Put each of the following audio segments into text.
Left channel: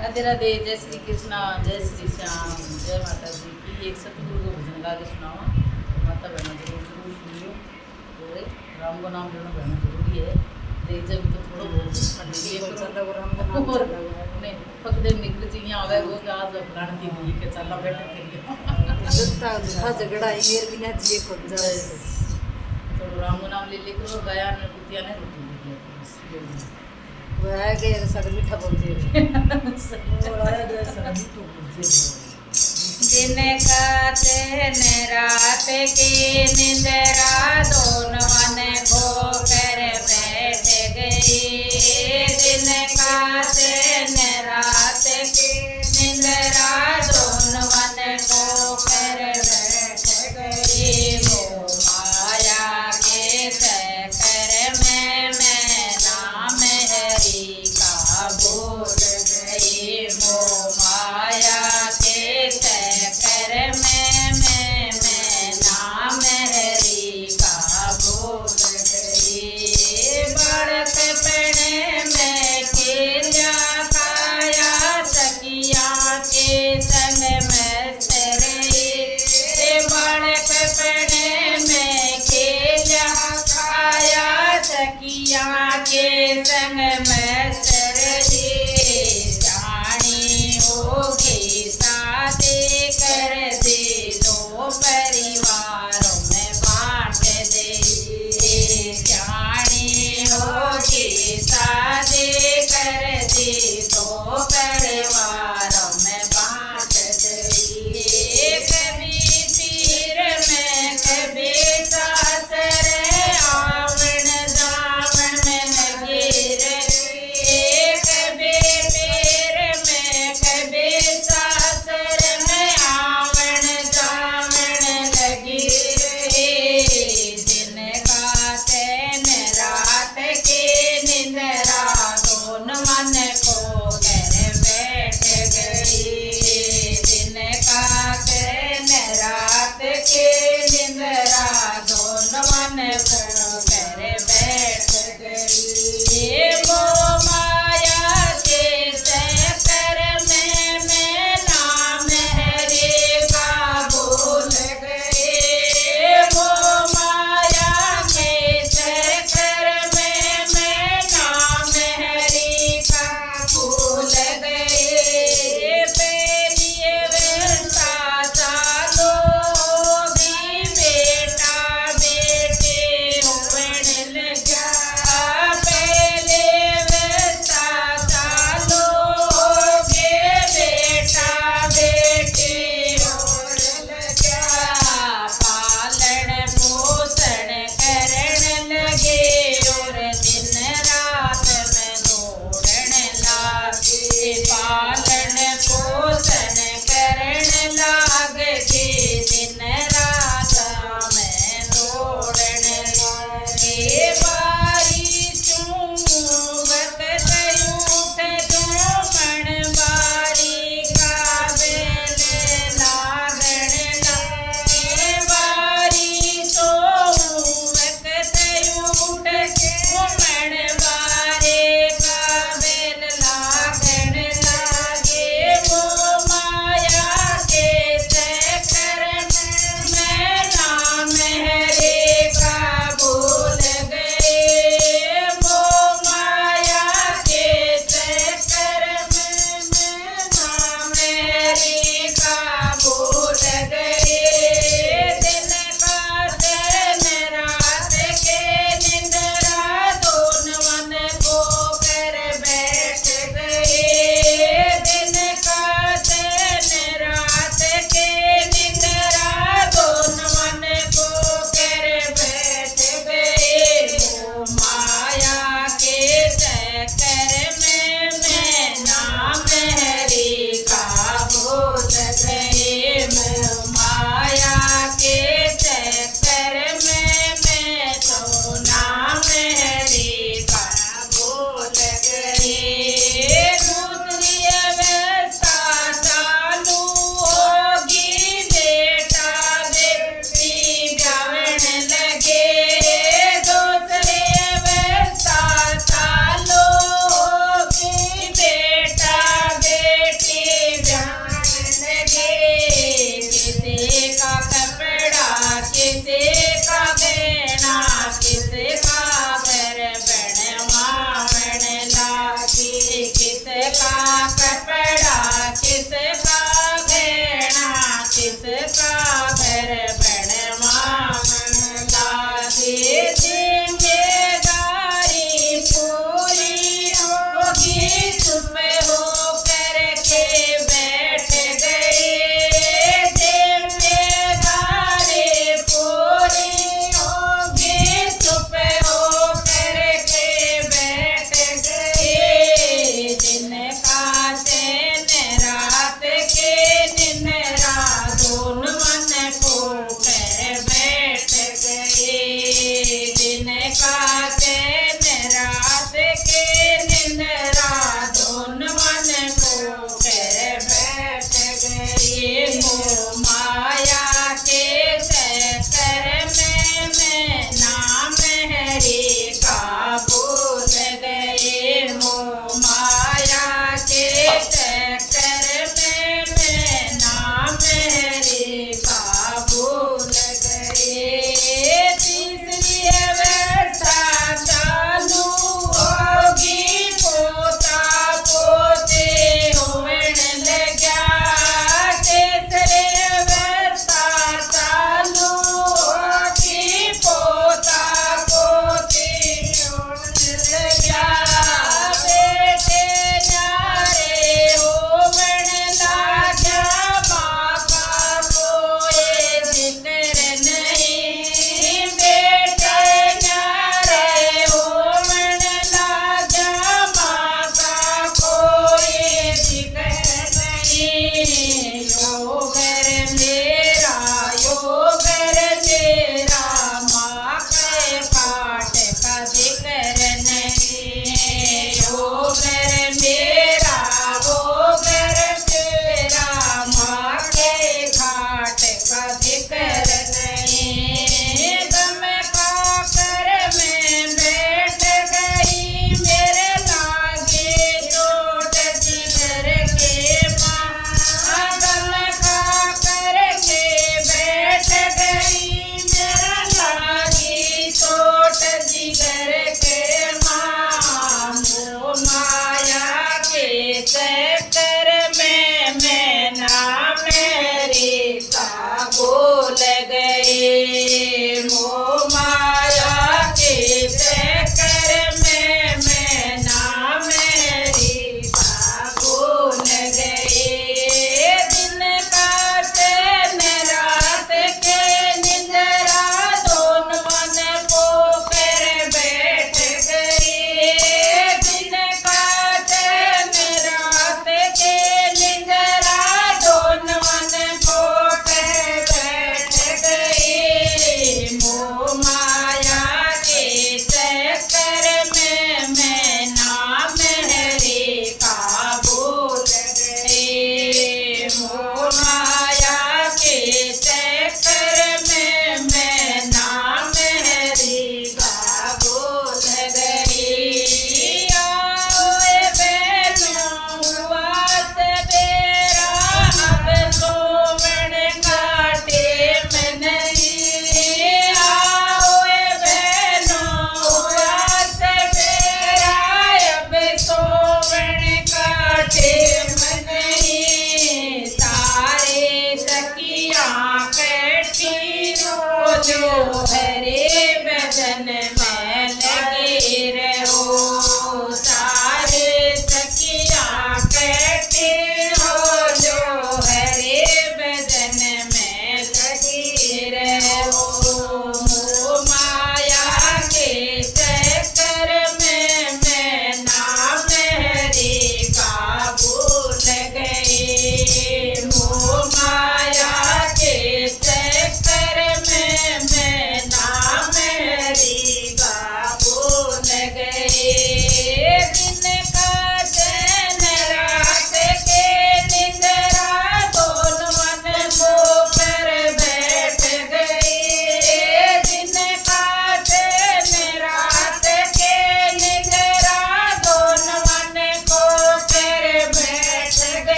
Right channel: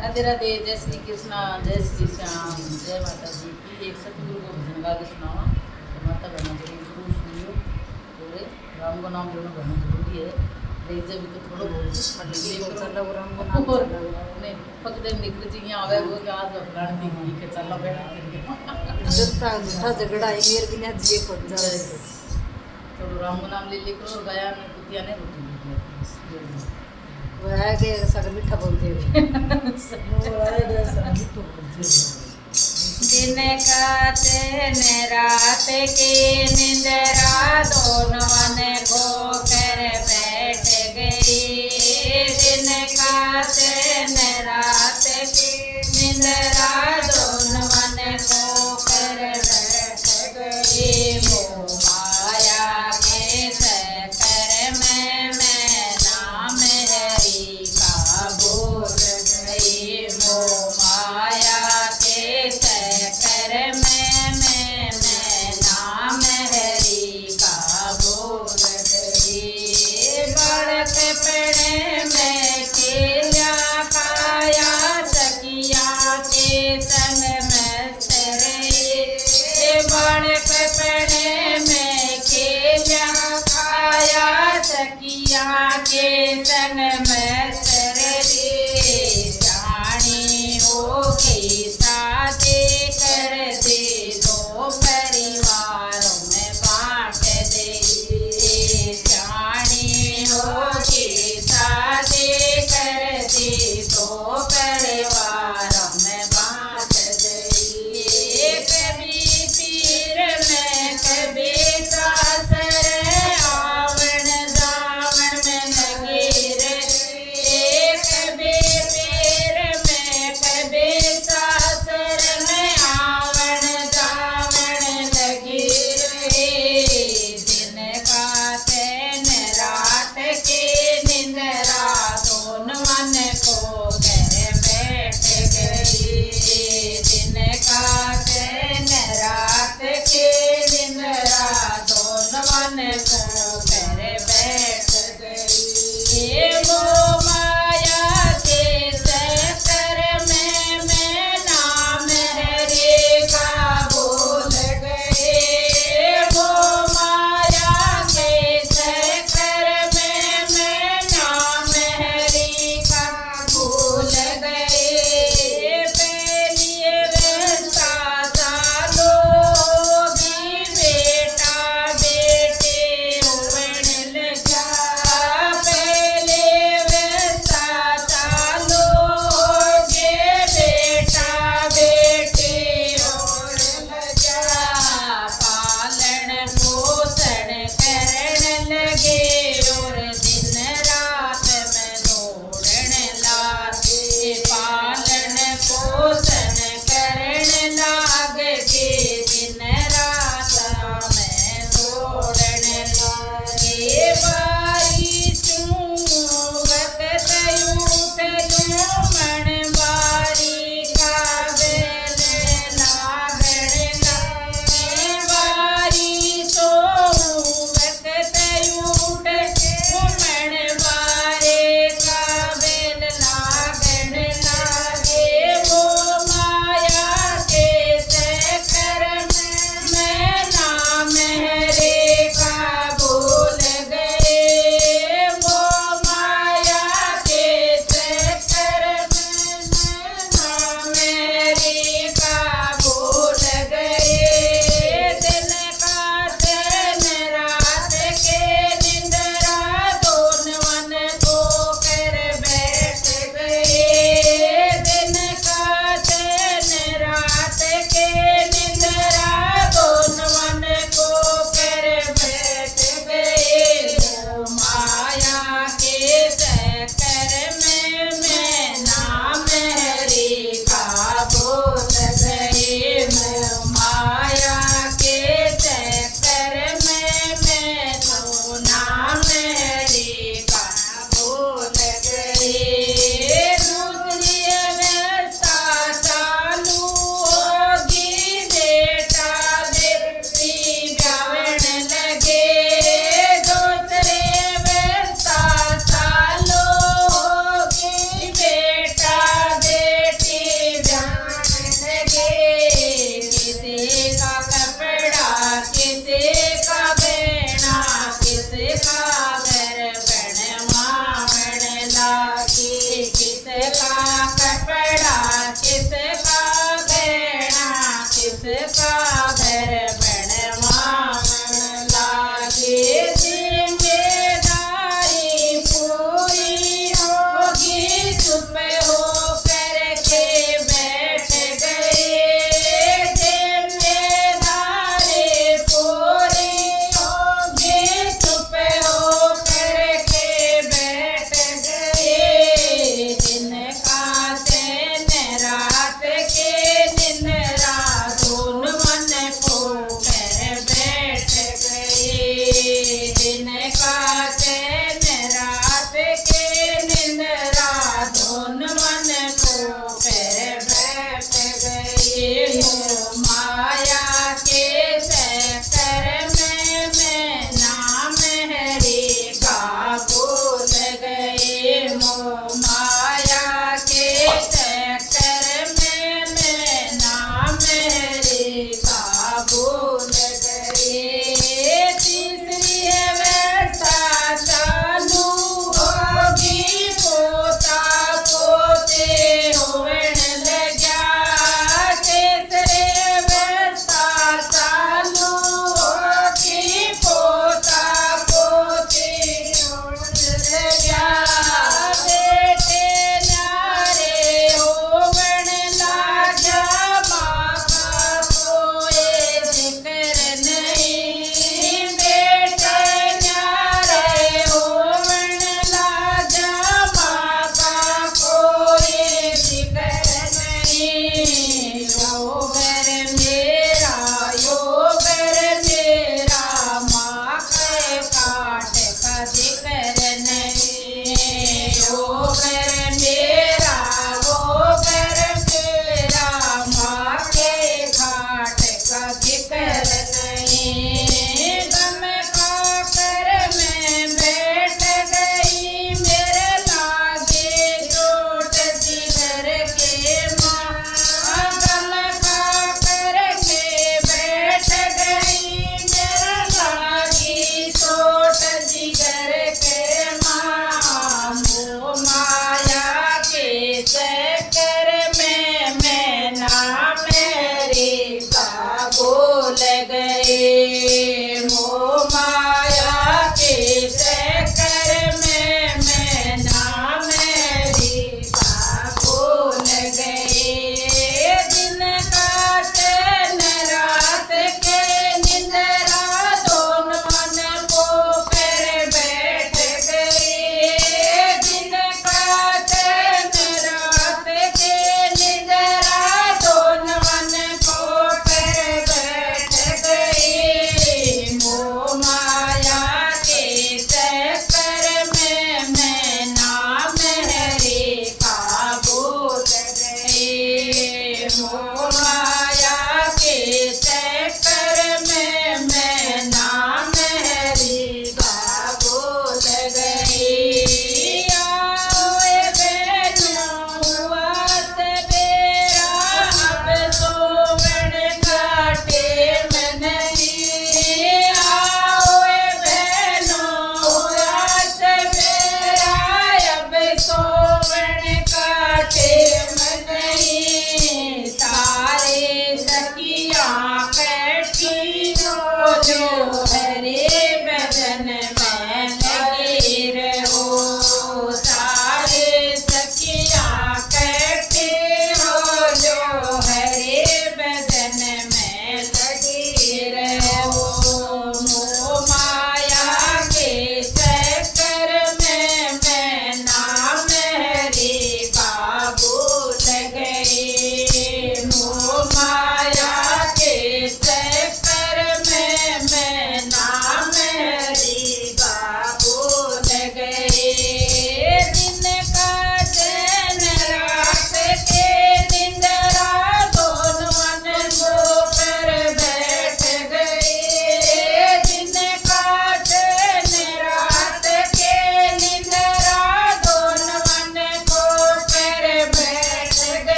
राधे राधे, जय श्री कृष्णा, जय श्री श्याम, जय माता जी की। एक सतगुरु को भजन गा के सुनावा तो माता बहना जरूर जरूर सुनियो। और राम का नाम लेना बहना जरूरी है। देख जब तो थोड़ा बहुत नहीं पकड़े निकल जी यहाँ आवे वो आज अपराण की के चलना बैठे झगड़ा है मेरे बिना जी खुद जाए थोड़ा राम का नाम ले लेकर और गया ने कुतिया ने रोटी वो है कि सब मीठा बोलते हैं वो है दे सब तो दिन काते न रात की निंदरा दोनों ने को कर बैठ गई। दिन काते न रात की निंदरा दोनों ने को कर बैठ गई। वो माया के चक्कर में मैं नाम हरि का भूल गई। वो माया के चक्कर में मैं नाम हरि का भूल गई। बड़क पड़े में केल्या खाया सखिया के संग में रही। बड़क पड़े में केल्या खाया सखिया के संग में रही। जानी होगी शादी कर दे दो परिवारों में बांट दे। जानी होगी शादी कर दे दो परिवारों में बांट दे। कभी पीर में कभी सासर आवण दावण में लगे रे। कभी पीर में कभी सासर में आवण दावण लगी रे। दिन का तैन रात के निंदरा दोनों मन को कर बैठ गई। दिन का तैन रात के निंदरा दोनों मन को कर बैठ गई। वो माया के चक्कर में मैं नाम हरि का भूल गई। वो माया के चक्कर में मैं नाम हरि का भूल गई। पहली व्यवस्था लोगी बेटा बेटी हो किसका कपड़ा किसका गहना किसका घर बनवाला दे जिम्मेदारी पूरी होगी चुप हो करके बैठ गए जिम्मेदारी पूरी होगी चुप हो करके बैठ गए दिन का दिन रात के दिन रात दोनों मन को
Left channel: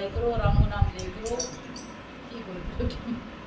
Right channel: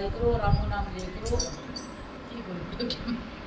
गाया करो, राम को नाम लिया करो। की करो